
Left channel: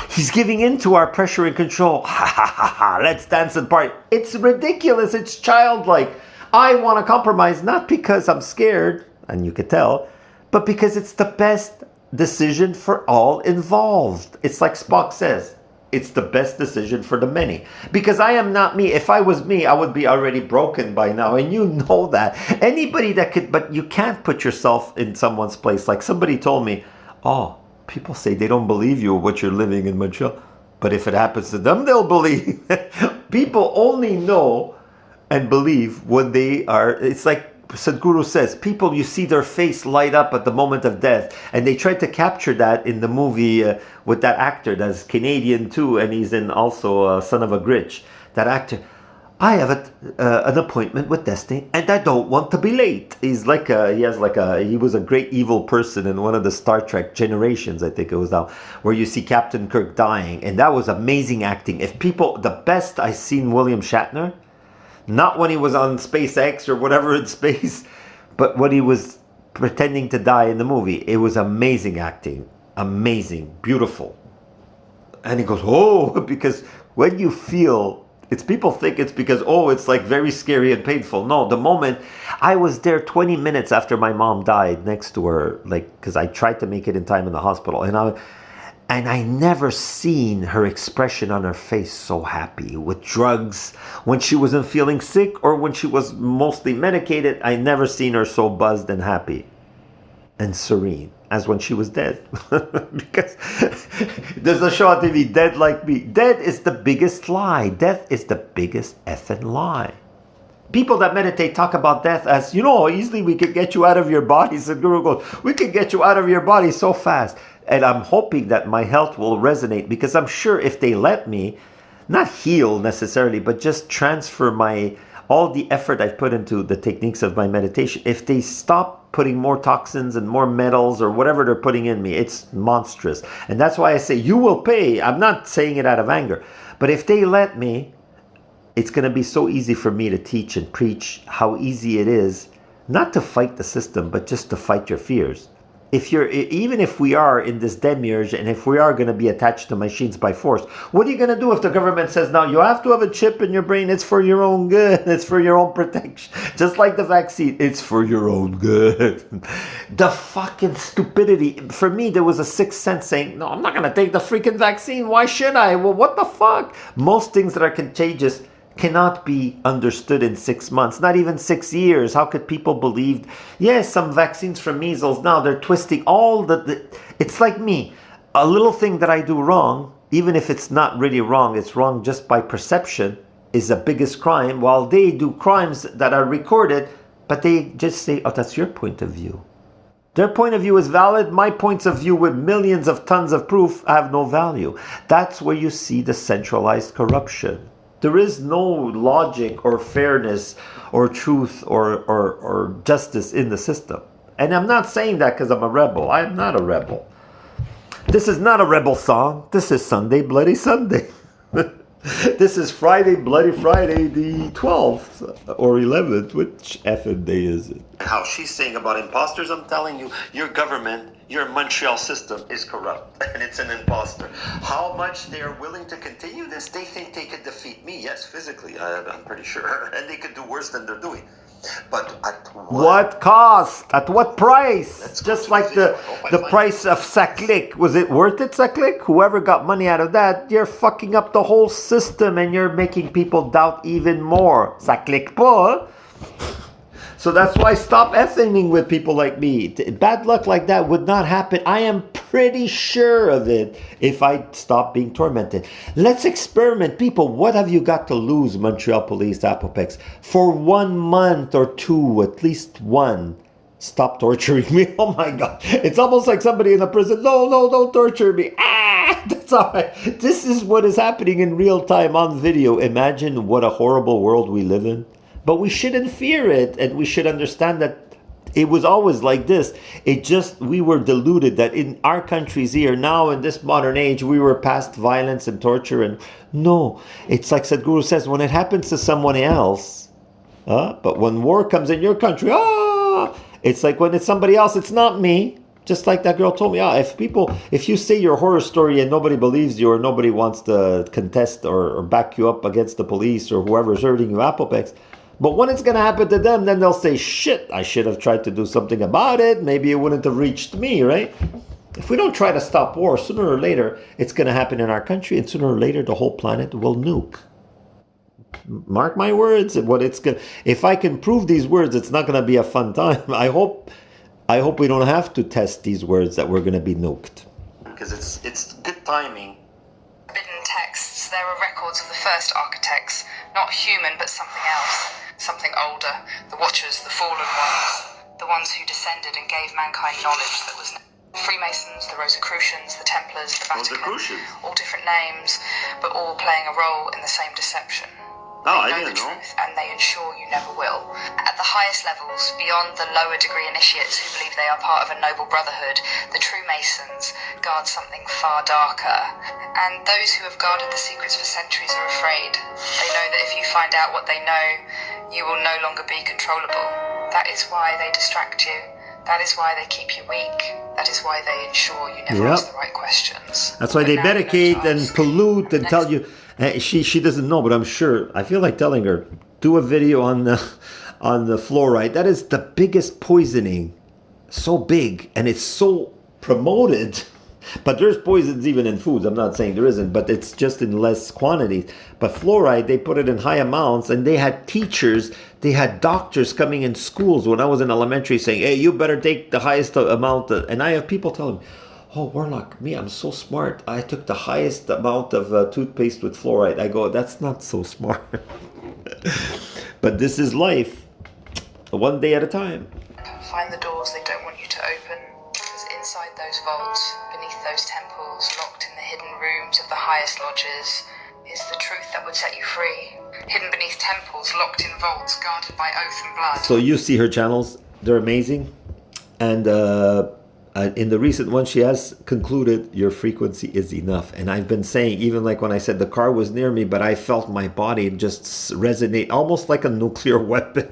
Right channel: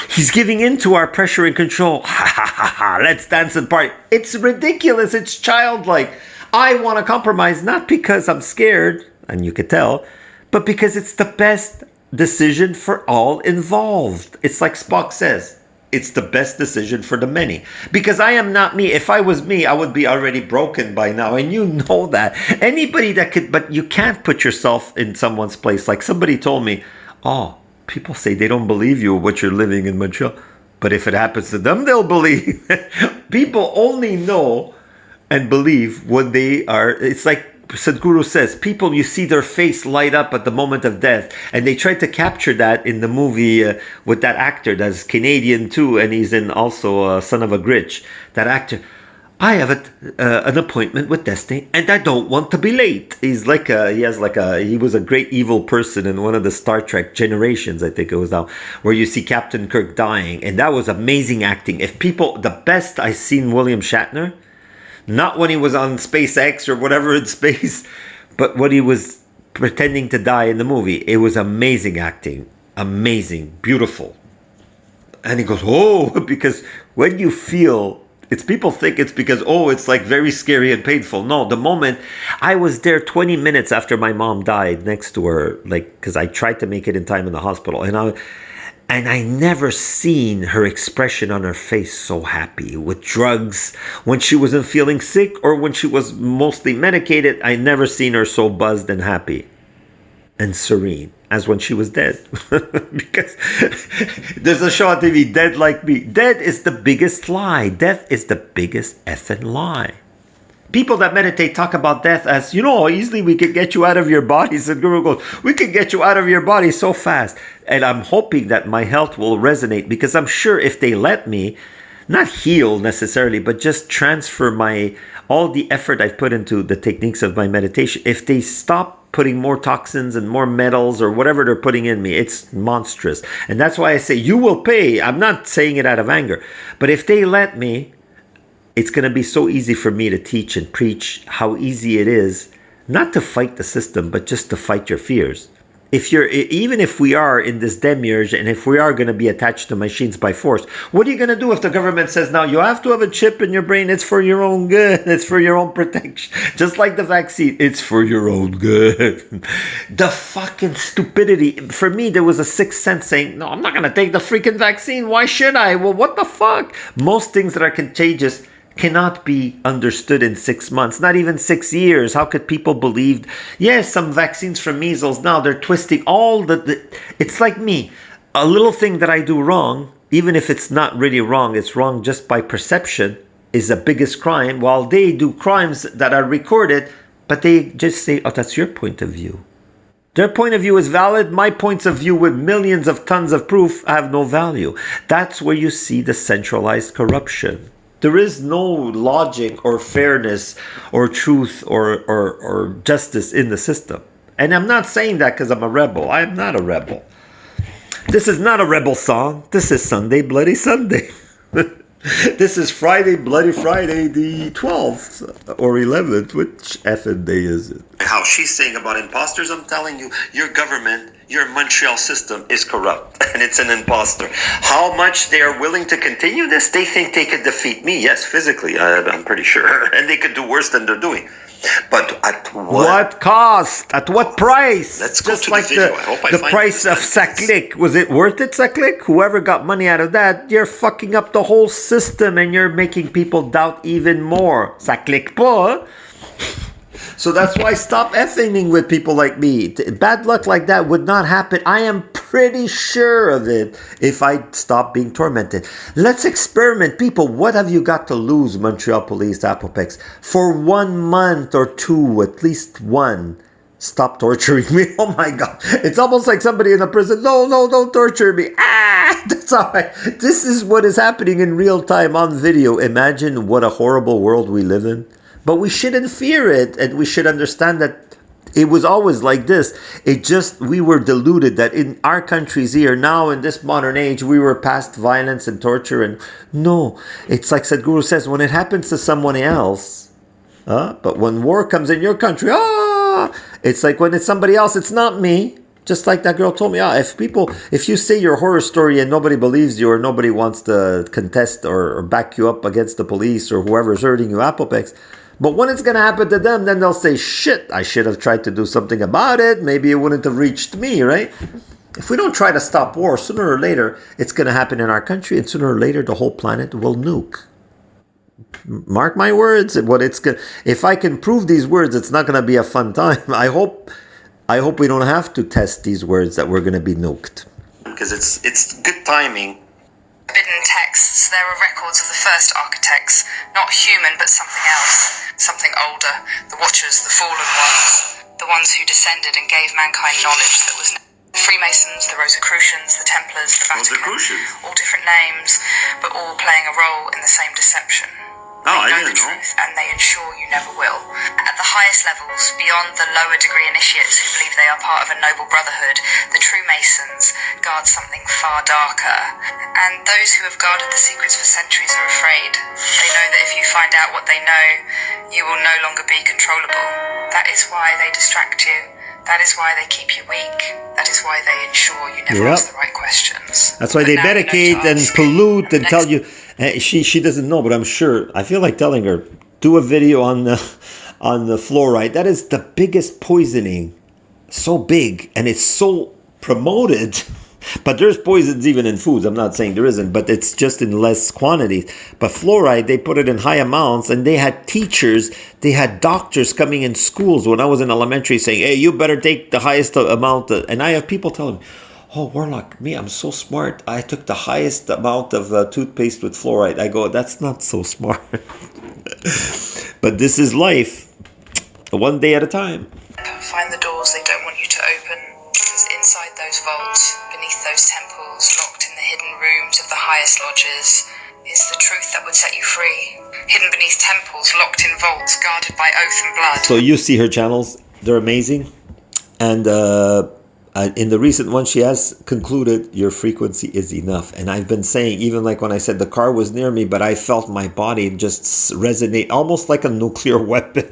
he's giving in to our pressure and control. Ha ha ha ha, let's dance and party. It's ridiculous. It's childlike. I want to compromise, not because I'm scared, and you could tell, but because it's the best decision for all involved. It's like Spock says, it's the best decision for the many. Because I am not me. If I was me, I would be already broken by now. And you know that. Anybody that could, but you can't put yourself in someone's place. Like somebody told me, oh, people say they don't believe you what you're living in Montreal. But if it happens to them, they'll believe. People only know and believe when they are, it's like Sadhguru says, people, you see their face light up at the moment of death. And they tried to capture that in the movie with that actor that's Canadian too, and he's in also Son of a Gritch. That actor, I have an appointment with Destiny and I don't want to be late. He was a great evil person in one of the Star Trek Generations, I think it was now, where you see Captain Kirk dying. And that was amazing acting. If people, the best I've seen William Shatner, not when he was on SpaceX or whatever in space, but when he was pretending to die in the movie. It was amazing acting. Amazing. Beautiful. And he goes, oh, because when you feel, it's people think it's because, oh, it's like very scary and painful. No, the moment I was there 20 minutes after my mom died next to her, like, because I tried to make it in time in the hospital. And I never seen her expression on her face so happy with drugs when she wasn't feeling sick or when she was mostly medicated. I never seen her so buzzed and happy and serene as when she was dead. Because there's a show on TV, Dead Like Me. Dead is the biggest lie. Death is the biggest effing lie. People that meditate talk about death as, you know, easily we could get you out of your body. So Guru goes, we could get you out of your body so fast. And I'm hoping that my health will resonate, because I'm sure if they let me, not heal necessarily, but just transfer all the effort I've put into the techniques of my meditation. If they stop putting more toxins and more metals or whatever they're putting in me, it's monstrous. And that's why I say you will pay. I'm not saying it out of anger. But if they let me, it's going to be so easy for me to teach and preach how easy it is not to fight the system, but just to fight your fears. Even if we are in this demiurge and if we are going to be attached to machines by force, what are you going to do if the government says, now you have to have a chip in your brain, it's for your own good, it's for your own protection, just like the vaccine, it's for your own good. The fucking stupidity. For me, there was a sixth sense saying, no, I'm not going to take the freaking vaccine, why should I? Well, what the fuck? Most things that are contagious cannot be understood in 6 months, not even 6 years. How could people believe? Yes, some vaccines for measles, now they're twisting all it's like me. A little thing that I do wrong, even if it's not really wrong, it's wrong just by perception, is the biggest crime, while they do crimes that are recorded, but they just say, oh, that's your point of view. Their point of view is valid. My points of view with millions of tons of proof have no value. That's where you see the centralized corruption. There is no logic or fairness or truth or justice in the system. And I'm not saying that because I'm a rebel. I'm not a rebel. This is not a rebel song. This is Sunday, Bloody Sunday. This is Friday, Bloody Friday, the 12th or 11th. Which effing day is it? How she's saying about imposters, I'm telling you, your government, your Montreal system is corrupt and it's an imposter. How much they are willing to continue this? They think they could defeat me. Yes, physically, I'm pretty sure. And they could do worse than they're doing. But at What cost? At what price? Let's go Just to like the video. I hope I the find price the of sentence. Saclic. Was it worth it, Saclic? Whoever got money out of that, you're fucking up the whole system and you're making people doubt even more. Saclic pas. So that's why stop effing with people like me. Bad luck like that would not happen. I am pretty sure of it if I stop being tormented. Let's experiment. People, what have you got to lose, Montreal Police, Apopex? For 1 month or two, at least one, stop torturing me. Oh my God. It's almost like somebody in a prison. No, don't torture me. Ah, that's all right. This is what is happening in real time on video. Imagine what a horrible world we live in. But we shouldn't fear it, and we should understand that it was always like this. We were deluded that in our countries here, now in this modern age, we were past violence and torture. And no, it's like Sadhguru says, when it happens to someone else, but when war comes in your country, it's like when it's somebody else, it's not me. Just like that girl told me, if you say your horror story and nobody believes you or nobody wants to contest or back you up against the police or whoever's hurting you, Apopex, but when it's going to happen to them, then they'll say, shit, I should have tried to do something about it. Maybe it wouldn't have reached me, right? If we don't try to stop war, sooner or later, it's going to happen in our country, and sooner or later, the whole planet will nuke. Mark my words. If I can prove these words, it's not going to be a fun time. I hope we don't have to test these words that we're going to be nuked. Because it's good timing. Forbidden texts, there are records of the first architects, not human but something else, something older, the Watchers, the fallen ones, the ones who descended and gave mankind knowledge that was the Freemasons, the Rosicrucians, the Templars, the Vatican, all different names, but all playing a role in the same deception. They know the truth, and they ensure you never will. At the highest levels, beyond the lower degree initiates who believe they are part of a noble brotherhood, the true Masons guard something far darker. And those who have guarded the secrets for centuries are afraid. They know that if you find out what they know, you will no longer be controllable. That is why they distract you. That is why they keep you weak. That is why they ensure you never ask the right questions. That's why they medicate and pollute and tell you. She doesn't know, but I'm sure. I feel like telling her, do a video on the fluoride. That is the biggest poisoning. So big, and it's so promoted. But there's poisons even in foods. I'm not saying there isn't, but it's just in less quantities. But fluoride, they put it in high amounts, and they had teachers, they had doctors coming in schools when I was in elementary saying, hey, you better take the highest amount. And I have people telling me, oh, Warlock, I'm so smart. I took the highest amount of toothpaste with fluoride. I go, that's not so smart. But this is life. One day at a time. Find the doors they don't want you to open. Because inside those vaults, beneath those temples, locked in the hidden rooms of the highest lodges, is the truth that would set you free. Hidden beneath temples, locked in vaults, guarded by oath and blood. So you see her channels. They're amazing. And in the recent one, she has concluded your frequency is enough. And I've been saying, even like when I said the car was near me, but I felt my body just resonate almost like a nuclear weapon.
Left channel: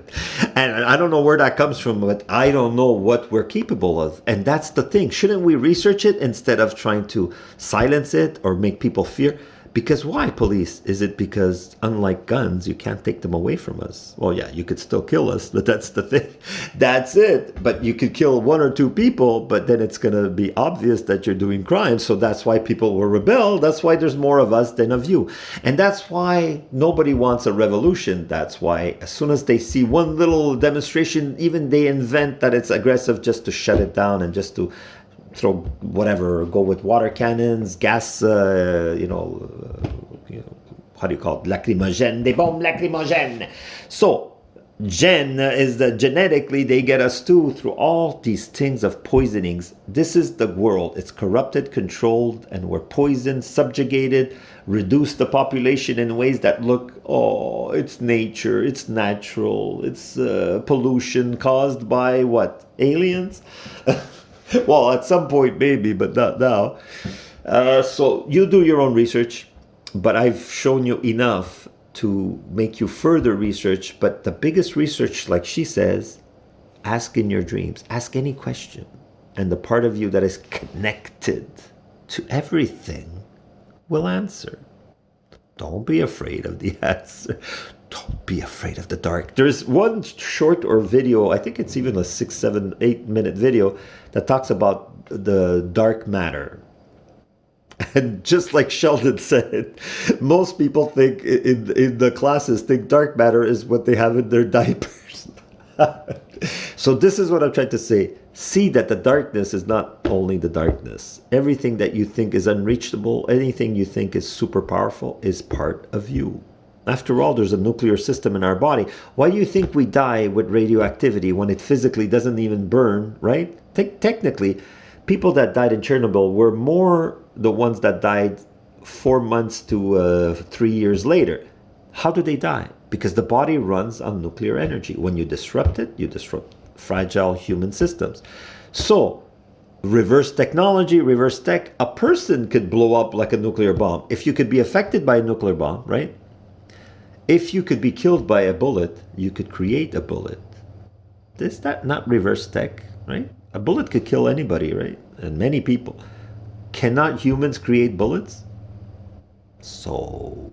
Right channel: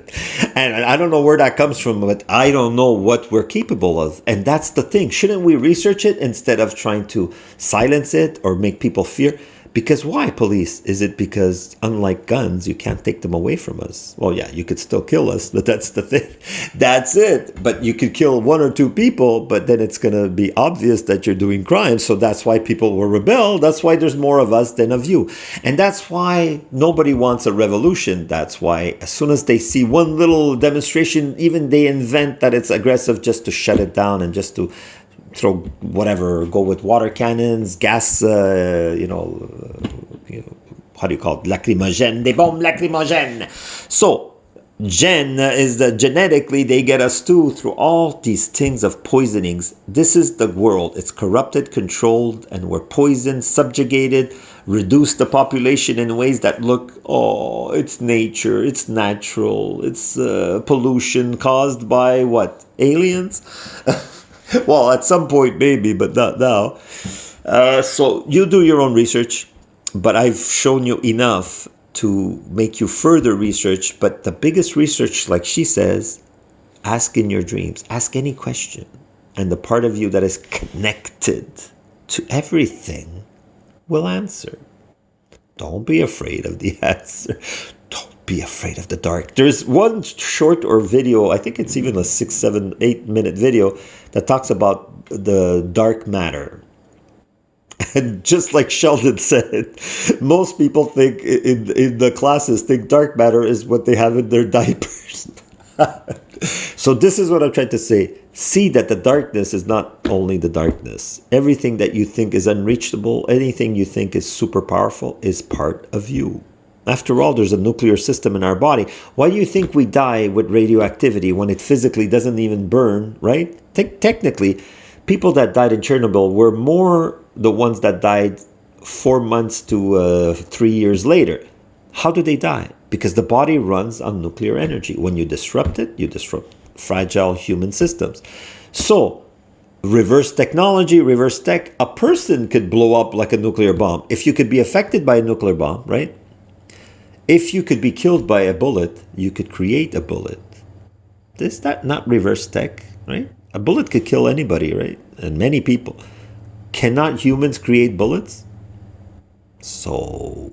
And I don't know where that comes from, but I don't know what we're capable of. And that's the thing. Shouldn't we research it instead of trying to silence it or make people fear? Because why, police? Is it because, unlike guns, you can't take them away from us? Well, yeah, you could still kill us, but that's the thing. That's it. But you could kill 1 or 2 people, but then it's going to be obvious that you're doing crimes. So that's why people will rebel. That's why there's more of us than of you. And that's why nobody wants a revolution. That's why as soon as they see one little demonstration, even they invent that it's aggressive just to shut it down and just to throw whatever, go with water cannons, gas, how do you call it, lacrimogène, des bombes lacrimogènes. So, genetically, they get us too through all these things of poisonings. This is the world. It's corrupted, controlled, and we're poisoned, subjugated, reduce the population in ways that look, it's nature, it's natural, it's pollution caused by what? Aliens? Well, at some point maybe, but not now. So you do your own research. But I've shown you enough to make you further research. But the biggest research, like she says, ask in your dreams. Ask any question. And the part of you that is connected to everything will answer. Don't be afraid of the answer. Don't be afraid of the dark. There's one short or video, I think it's even a 6, 7, 8 minute video that talks about the dark matter. And just like Sheldon said, most people think in the classes think dark matter is what they have in their diapers. So this is what I'm trying to say. See that the darkness is not only the darkness. Everything that you think is unreachable, anything you think is super powerful is part of you. After all, there's a nuclear system in our body. Why do you think we die with radioactivity when it physically doesn't even burn, right? Technically, people that died in Chernobyl were more the ones that died 4 months to 3 years later. How do they die? Because the body runs on nuclear energy. When you disrupt it, you disrupt fragile human systems. So, reverse technology, reverse tech, a person could blow up like a nuclear bomb. If you could be affected by a nuclear bomb, right? If you could be killed by a bullet, you could create a bullet. Is that not reverse tech, right? A bullet could kill anybody, right? And many people. Cannot humans create bullets? So,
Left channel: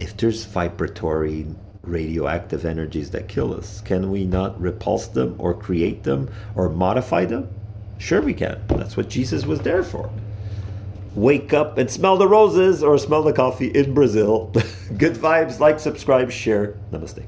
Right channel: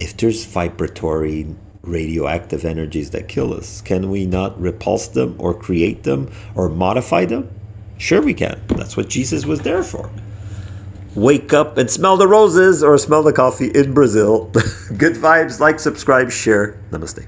if there's vibratory radioactive energies that kill us, can we not repulse them or create them or modify them? Sure we can. That's what Jesus was there for. Wake up and smell the roses or smell the coffee in Brazil. Good vibes, like, subscribe, share. Namaste.